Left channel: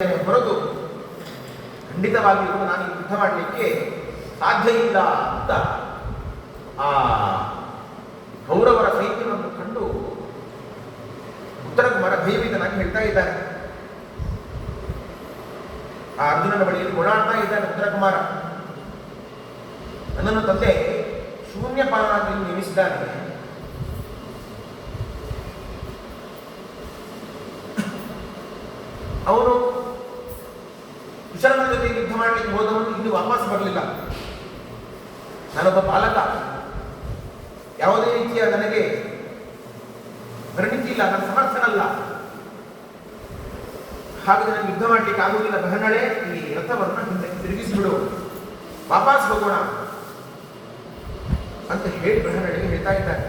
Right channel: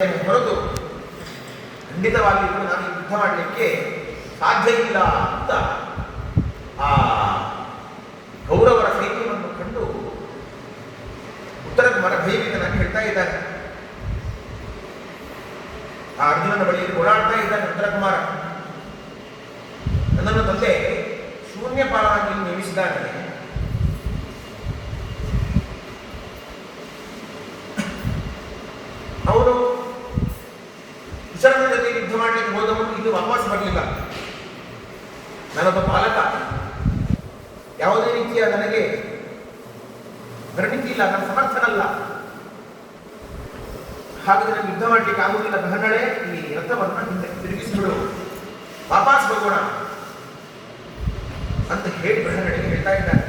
ಹೊರತು ಖಂಡಿತವಾಗಿಯೂ ನಾನು ಯುದ್ಧ ಮಾಡಲಿಕ್ಕೆ ಸಾಧ್ಯ ಇಲ್ಲ ಅಂತ ಆ ಕೌರವರ ಸೈನ್ಯವನ್ನು ಕಂಡು ಉತ್ತರ ಕುಮಾರ ಭಯಭೀತನಾಗಿ ಹೇಳ್ತಾ ಇದ್ದಾನೆ. ಆ ಅರ್ಜುನನ ಬಳಿಯಲ್ಲಿ ಓಡಾಡ್ತಾ ಇದ್ದಾನೆ ಉತ್ತರ ಕುಮಾರ. ನನ್ನನ್ನು ತಂದೆ ಶೂನ್ಯಪಾಲನಾಗಿ ನೇಮಿಸಿದ್ದಾನೆ. ಅವನು ಕುಶಲನ ಜೊತೆ ಯುದ್ಧ ಮಾಡಲಿಕ್ಕೆ ಹೋದವನು ಇದು ವಾಪಸ್ ಬರಲಿಲ್ಲ. ನಾನೊಬ್ಬ ಪಾಲಕ, ಯಾವುದೇ ರೀತಿಯ ನನಗೆ ಪರಿಣಿತಿ ಇಲ್ಲ, ನನ್ನ ಸಮರ್ಥನಲ್ಲ. ಹಾಗೆ ನನಗೆ ಯುದ್ಧ ಮಾಡಲಿಕ್ಕೆ ಆಗುವುದಿಲ್ಲ. ಬಹಳೇ ಈ ರಥವನ್ನು ಹಿಂದಕ್ಕೆ ತಿರುಗಿಸಿಬಿಡು, ವಾಪಸ್ ಹೋಗೋಣ ಅಂತ ಹೇಳಿ ಬಹಳನಿಗೆ ಹೇಳ್ತಾ ಇದ್ದಾನೆ.